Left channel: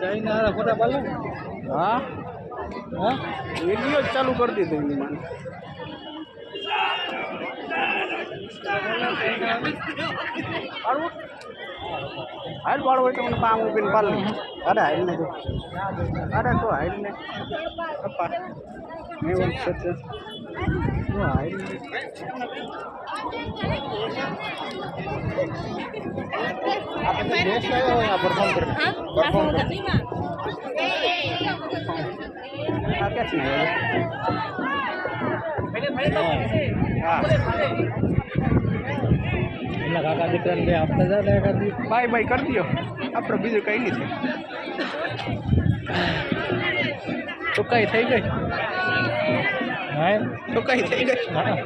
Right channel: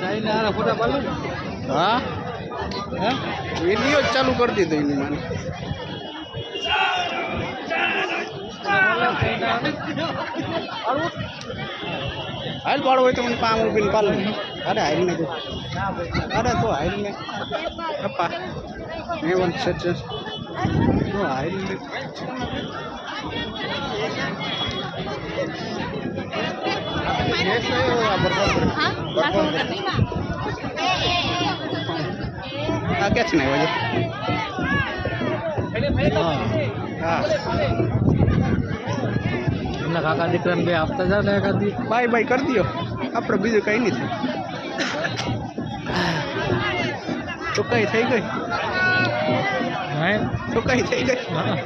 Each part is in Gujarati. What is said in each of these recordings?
ચાઇના ફોટા પાડો. હા હા વિડીયો ચાલુ કરી દીધો એની માને હાલ પાડો હોય તો મને પામ ઉભીને પાડો. અરે હાલ ને અરે તો હાલ ને પપ્પા મેં વન સેટ છે હાલ देश है वो परफॉर्म कर क्या चीज है એમના કાકા દીકરાને બે આપતા જા ને કરી દી. બાય બાય કરી દો આપણે બીજું કંઈ નથી. ચુકાઈ થઈ ગઈ. હે ચુકાઈ થઈ ગઈ. હા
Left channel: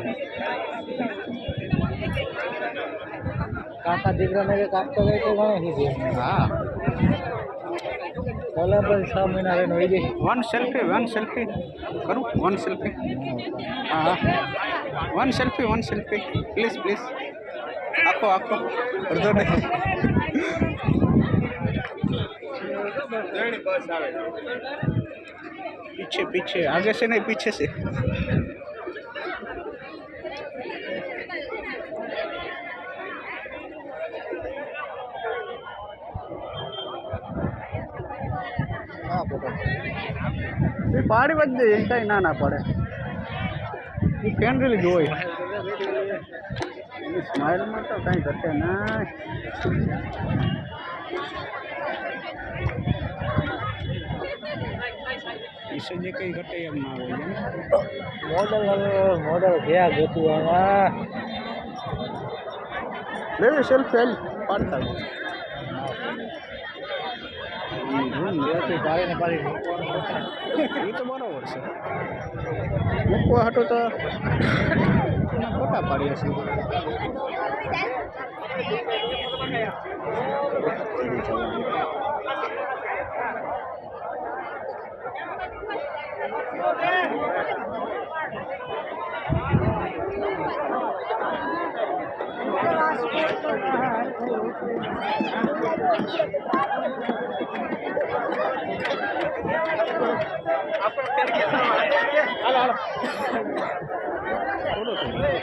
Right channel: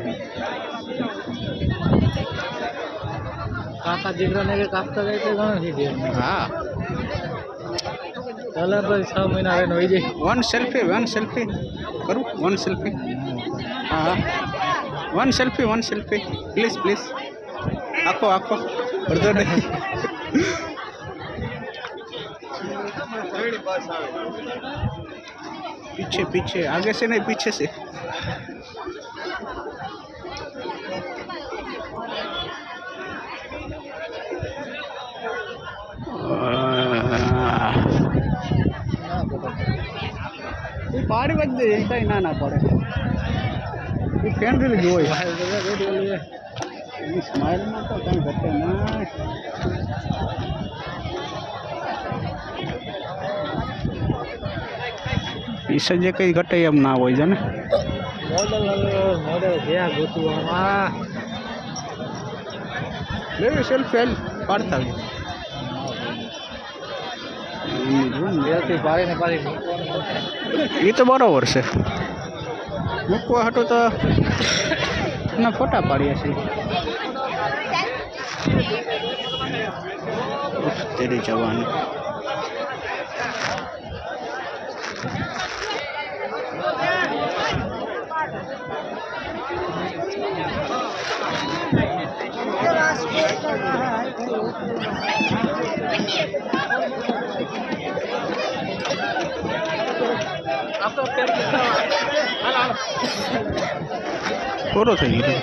કાકા દીકરાને કે કાપતા જાય તો ઘણું થઈ ગયું. હા ચાલો ભાઈ 6 મહિના રહીને હોય જાય. વન સેલ્ફી કરું વન સેલ્ફી. હા વન સેલ્ફી પ્લીઝ આખો અડધો દે. पीछे आगे से नहीं पीछे से. પાડી વધે કઈ ના પડે એ કેન્દ્રી જોઈ એની સ્માઇલમાં તો કઈ ઘટે ના. પીસે જે કઈ ઘટે એમ ના હોય છે ને. મોડલ ક્યાં ગોતું આમાં લેવી સેલ્ફી પાડતા એ તો બરોબર છે. મૂકવા હતું તો એના ફોટા પાડીએ છીએ. તેરી જવાની પૂરો થઈ ગયો.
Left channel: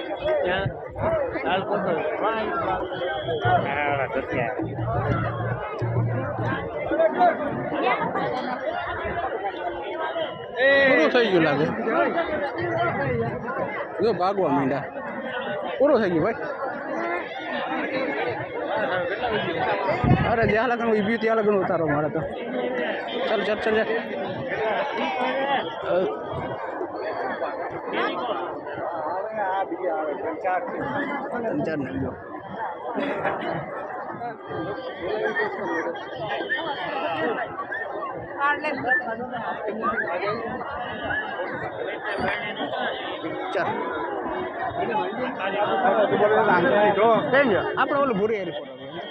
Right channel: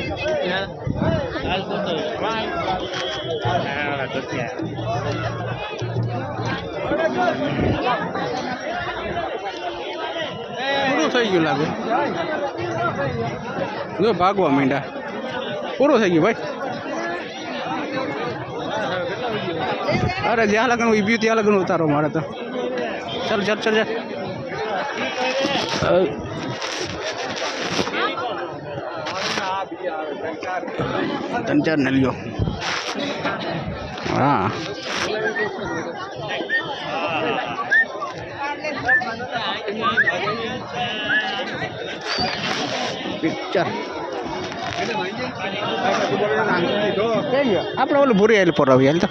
પૂરું થઈ ગયું લાગે. જો ભાગવા માંડ્યા. પૂરું થઈ ગયું ભાઈ. અરે જ્યાં લગન ઉભી ત્યાં લગન ઉતારો મારે તો. ચાલ 3-4 ને લ્યો. હા પિક્ચર આપણે ઓલું ભૂરી આવેલું પર આવી હાલ તો.